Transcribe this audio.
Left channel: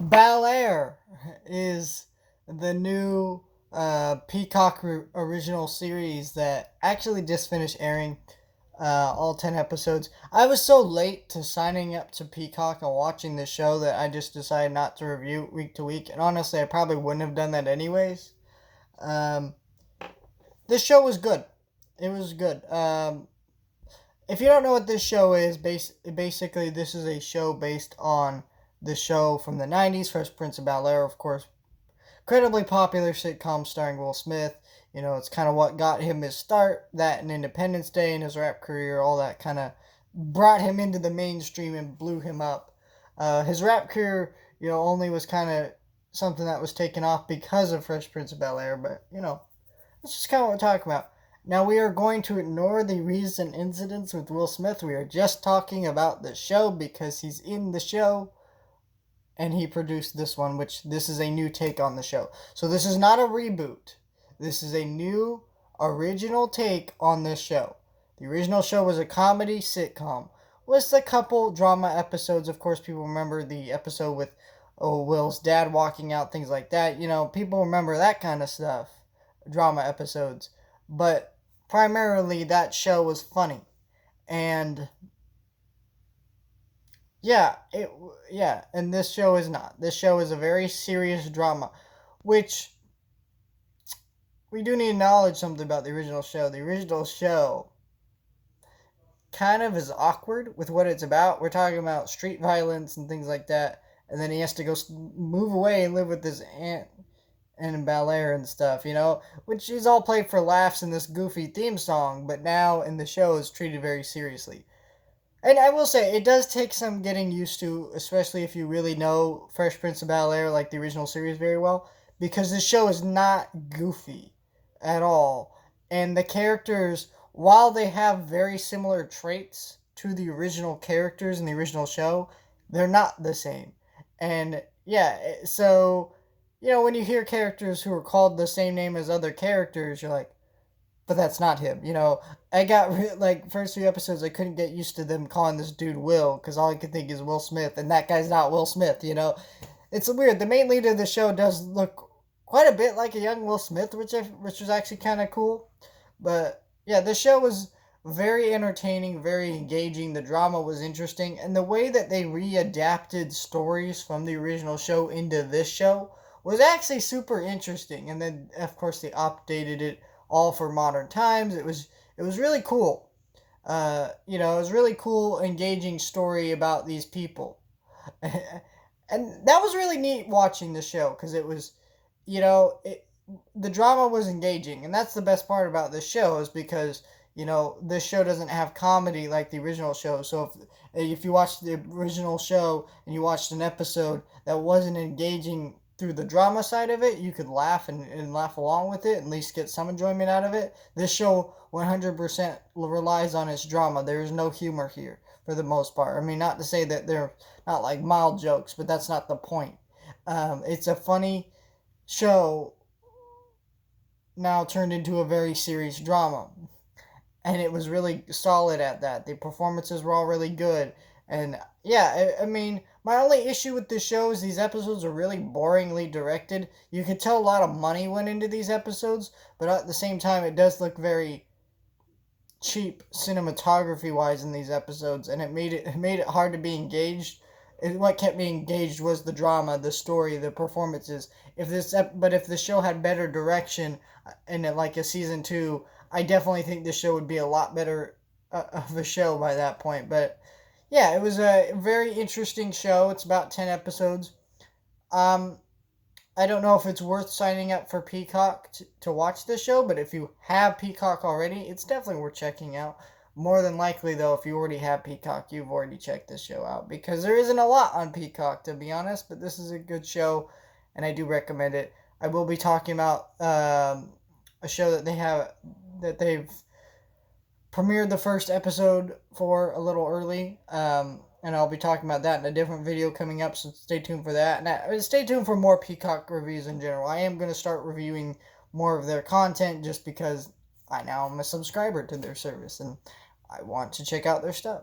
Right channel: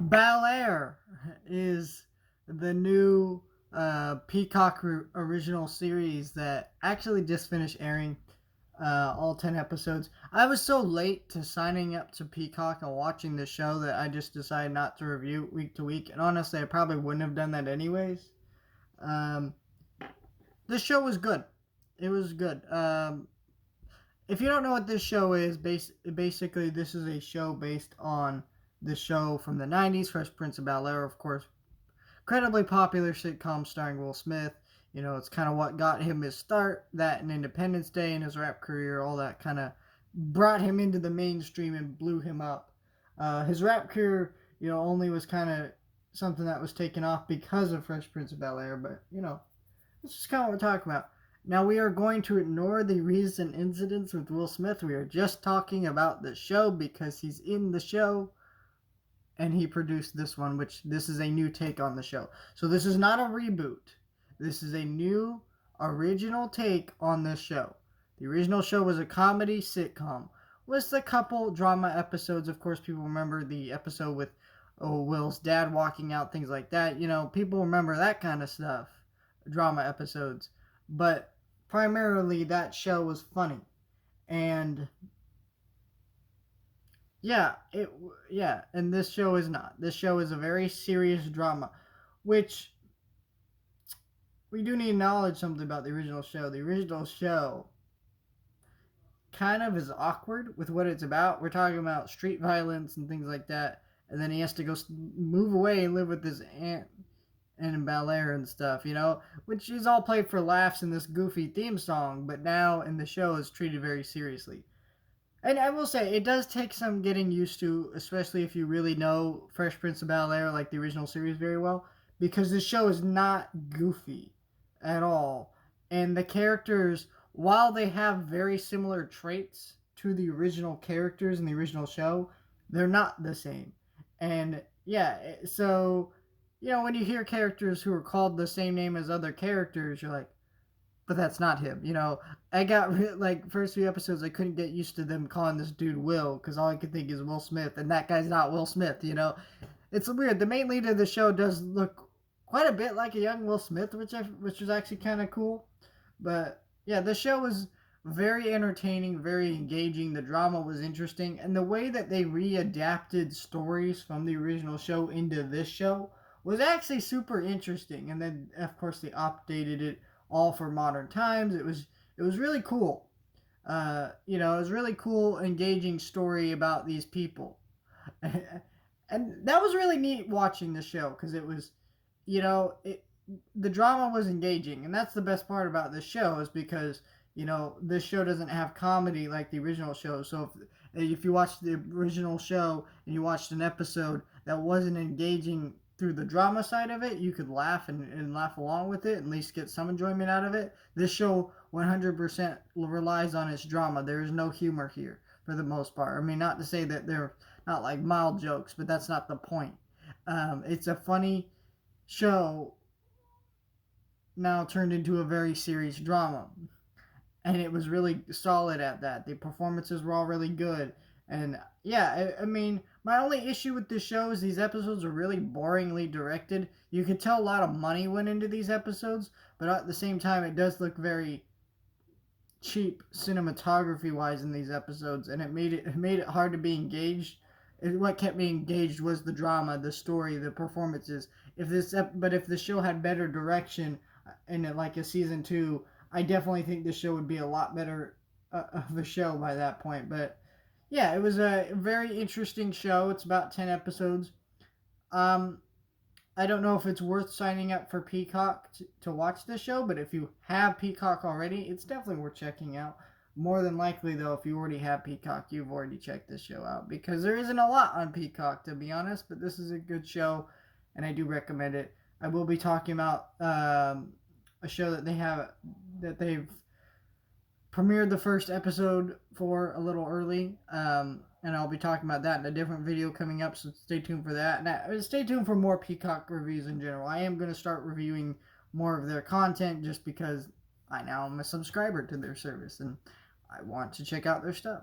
Bel-air is the new Peacock original series that actually just finished airing, all 10 episodes. I was so late to signing up to Peacock and watching the show that I just decided not to review week to week. And honestly, I probably wouldn't have done that anyways. Um, this show was good. It was good. If you don't know what this show is, basically this is a show based on the show from the 90s, Fresh Prince of Bel-air, of course, incredibly popular sitcom starring Will Smith. You know, it's kind of what got him his start, that and Independence Day and his rap career, all that kind of brought him into the mainstream and blew him up. His rap career, only was kind of something that was taken off because of Fresh Prince of Bel-air, but, that's just kind of what we're talking about. Now, we are going to ignore the recent incidents with Will Smith. We are just talking about the show because he's in the show and he produced this one, which this is a new take on the show. So this is not a reboot. This is a new original take on this show. The original show was a comedy sitcom with a couple drama episodes. Of course, people remember the episode with Will's dad walking out, things like that. People remember that kind of stuff, drama episodes. But primarily, that show was funny. And and this show is not. This show is a very serious drama, which we do need to acknowledge something about the original show. The original show kind of is awkward with what it's about. We're talking about street violence and things like that, and then he has to go move away and live with his aunt and in Bel-air and stuff, which is all played for laughs in this goofy theme song, but now in the show is treated very seriously. And I will say, it does take some getting used to, especially if you really know Fresh Prince of Bel-air, like the original series, very well, because the show is not goofy at all. And the characters, while they have very similar traits to the original characters in the original show, they're not the same. And yeah, so, when you hear characters who are called the same name as other characters, you're like, but that's not him. I got like first few episodes, I couldn't get used to them calling this dude Will because all I could think is Will Smith, and that guy's not Will Smith. It's weird. The main lead of the show does look quite a bit like a young Will Smith, which was actually kind of cool. But yeah, the show was very entertaining, very engaging. The drama was interesting, and the way that they readapted stories from the original show into this show was actually super interesting. And then, of course, they updated it all for modern times. It was really cool. It was really cool, engaging story about these people, and that was really neat watching the show because it was, the drama was engaging, and that's the best part about this show is because this show doesn't have comedy like the original show. So if you watched the original show and you watched an episode that wasn't engaging through the drama side of it, you could laugh and laugh along with it, at least get some enjoyment out of it. This show 100% relies on its drama. There is no humor here for the most part. I mean, not to say that they're not like mild jokes, but that's not the point. It's a funny show now turned into a very serious drama. And it was really solid at that. The performances were all really good. And yeah, I mean, my only issue with this show is these episodes are really boringly directed. You can tell a lot of money went into these episodes, but at the same time, it does look very cheap cinematography wise in these episodes, and it made it hard to be engaged. What kept me engaged was the drama, the story, the performances. If the show had better direction in it, like a season two, I definitely think the show would be a lot better of a show by that point. But yeah, it was a very interesting show. It's about 10 episodes. Um, I don't know if it's worth signing up for Peacock to watch this show, but if you have Peacock already, it's definitely worth checking out. More than likely, though, if you already have Peacock, you've already checked this show out because there isn't a lot on Peacock, to be honest, but this is a good show and I do recommend it. I will be talking about a show that they've premiered the first episode for a little early. And I'll be talking about that in a different video coming up, so stay tuned for that. And stay tuned for more Peacock reviews in general. I am going to start reviewing more of their content just because I now am a subscriber to their service and I want to check out their stuff.